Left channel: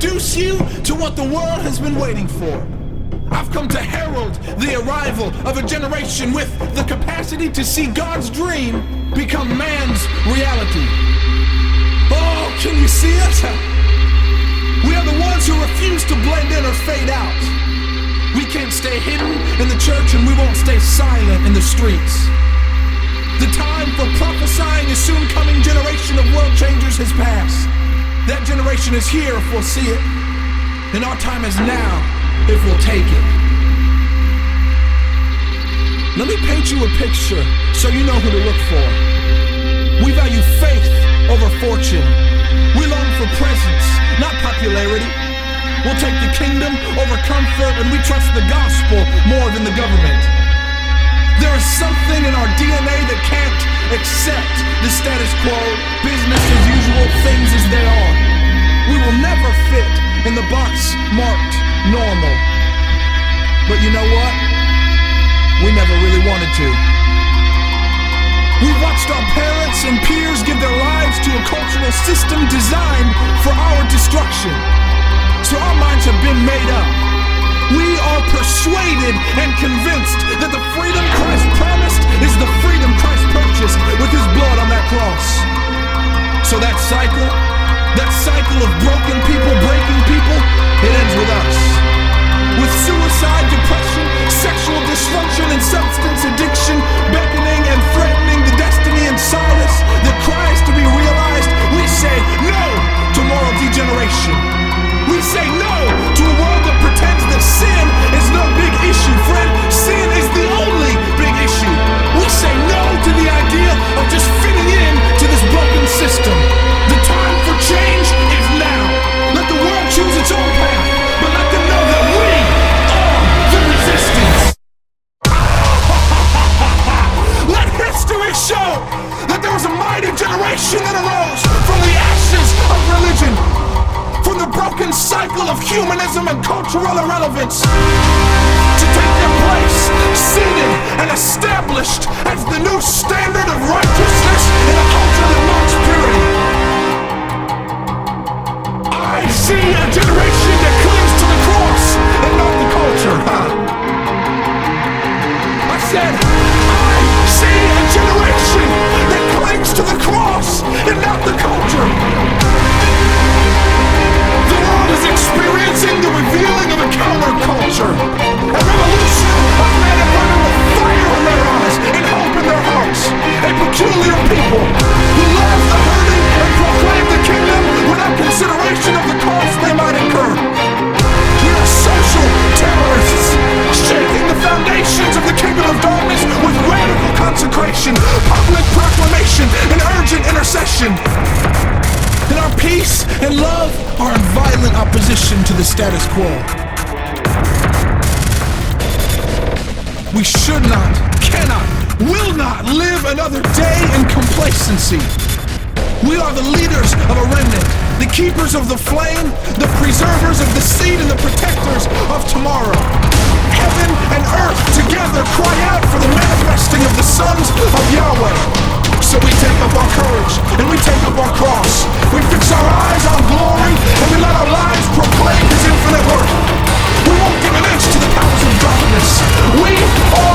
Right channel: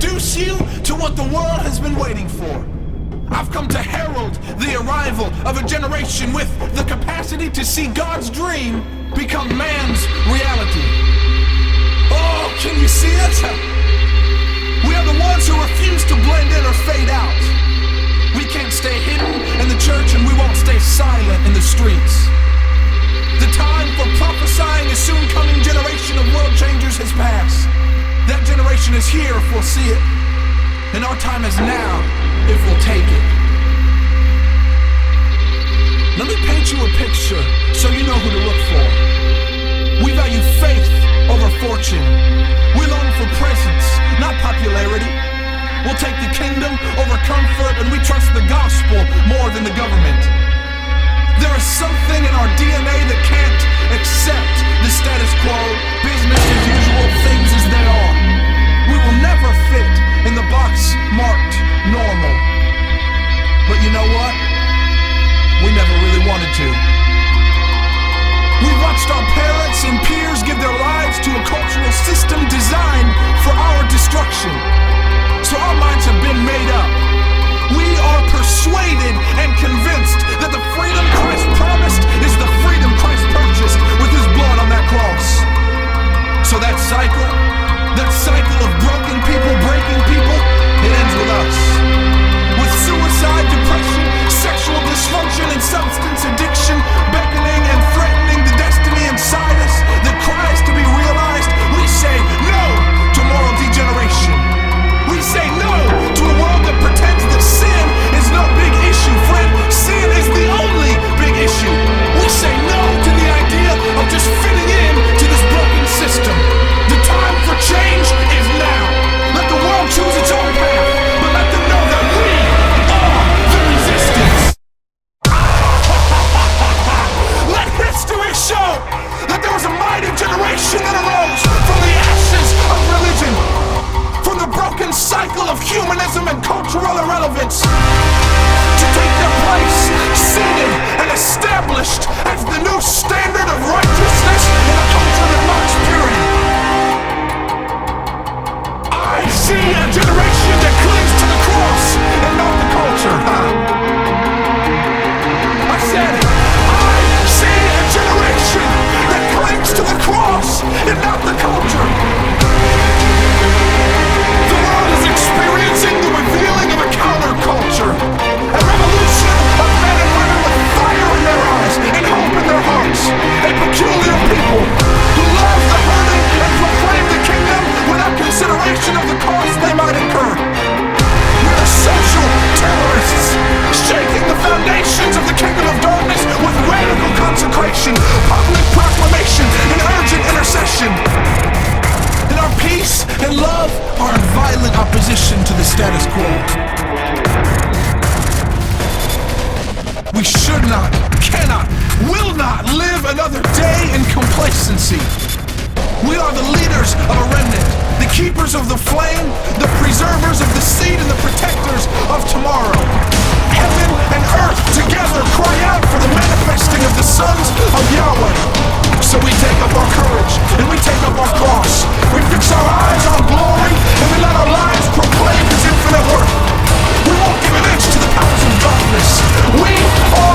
introduce you to what the world has been waiting for. I've come to herald the arrival of a generation with the capacity to see God's dream become man's reality. Oh, can you see it? We are the ones who refuse to blend in or fade out. We can't stay hidden in the church, and we won't stay silent in the streets. The time for prophesying a soon coming generation of world changers has passed. That generation is here if we'll see it, and our time is now if we'll take it. Let me paint you a picture so you know who to look for. We value faith over fortune. We long for presence, not popularity. We'll take the kingdom over comfort, and we trust the gospel more than the government. There is something in our DNA that can't accept the status quo, business as usual, things as they are. We will never fit in the box marked normal. But you know what? We never really wanted to. We've watched our parents and peers give their lives to a cultural system designed for our destruction. So our minds have been made up. We are persuaded and convinced that the freedom Christ promised is the freedom Christ purchased with his blood on that cross. So that cycle of broken people breaking people, it ends with us. With suicide, depression, sexual dysfunction, and substance addiction beckoning and threatening the destiny inside us that cries to be realized, we say no to moral degeneration. We say no to a world that pretends that sin is no big issue. Friend, sin is the only big issue. We say no to the idea of just fitting in to this broken system. The time for change is now. Let the world choose its own path, but let them know that we are the resistance. Let history show that there was a mighty generation that arose from the ashes of religion, from the broken cycle of humanism and cultural irrelevance, to take their place, seated and established as the new standard of righteousness in a culture that mocks purity. I see a generation that clings to the cross and not the culture. I said, I see a generation that clings to the cross and not the culture. The world is experiencing the revealing of a counterculture, a revolution of men and women with fire in their eyes and hope in their hearts, a peculiar people who love the hurting and proclaim the kingdom without consideration of the cost they might incur. We are social terrorists, shaking the foundations of the kingdom of darkness with radical consecration, public proclamation, and urgent intercession. And our peace and love are in violent opposition to the status quo. We should not, cannot, will not live another day in complacency. We are the leaders of a remnant, the keepers of the flame, the preservers of the seed, and the protectors of tomorrow. Heaven and earth together cry out for the manifesting of the sons of Yahweh. So we take up our courage, and we take up our cross. We fix our eyes on glory, and we let our lives proclaim his infinite worth. We won't give an inch to the powers of darkness. We are